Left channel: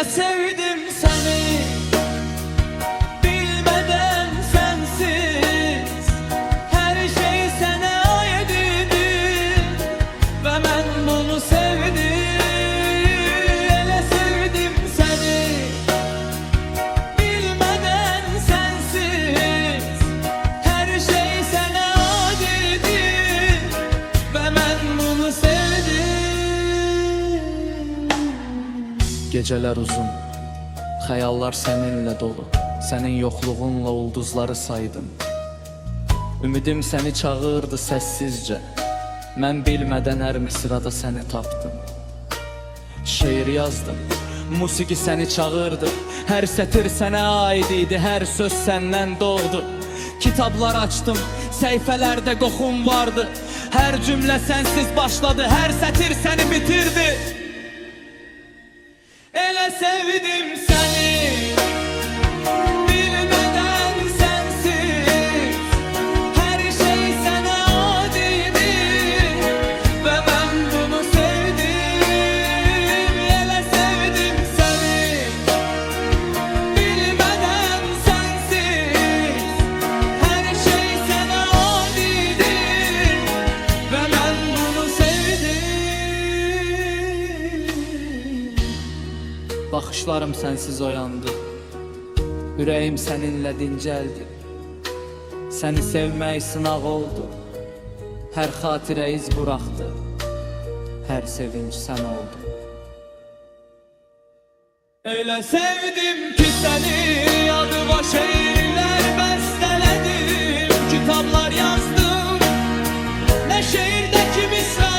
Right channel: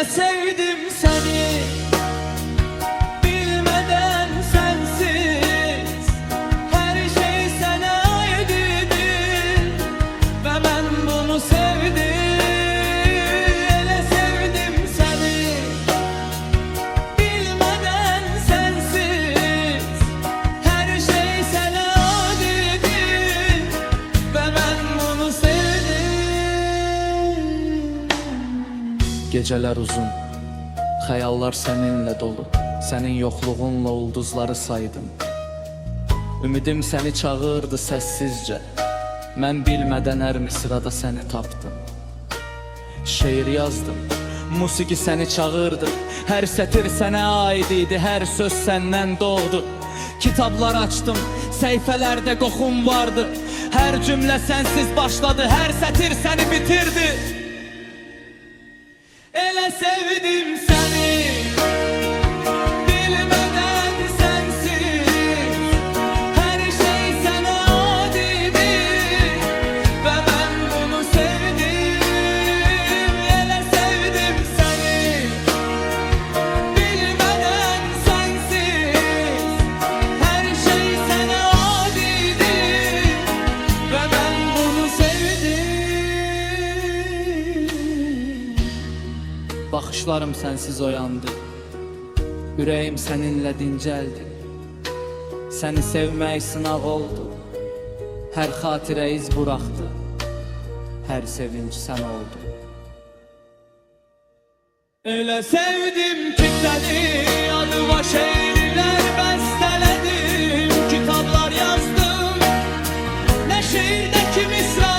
Elə sevdim səni, bilmeden sensiz. Her şey sənə aid idi ve ben bunu sevdim. Elə sevdim səni, bilmeden sensiz. Her şey sənə aid idi ve ben bunu sevdim. Geceler uzun, xəyallar səninlə dolu. Sənin yoxluğunla ulduzları saydım. Ümidim səni çağırdı səssizcə. Mən bilmədən hər misrada səni tapdım. Şeir yazdım, musiqi səni çağırdı. Hər sətir sənə aid idi, hər söz səndən doğdu. Kitablar açdım, səhifələrdə qoxum vardı. Hər cümlə sənsiz başladı, hər sətir səni bitirdi. Elə sevdim səni, bilmeden sensiz. Her şey sənə aid idi ve ben bunu sevdim. Elə sevdim səni, bilmeden sensiz. Her şey sənə aid idi ve ben bunu sevdim. Baxışlarım sənsiz oyandı, ürəyim səninlə dincəldi. Səni sevmək sınaq oldu, hər xatirə iz buraxdı, hər sevinç sən oldu. Elə sevdim ki səni, adıma şeirlər bəstələdim, kitablar yazdım. Nə şeirdəki misra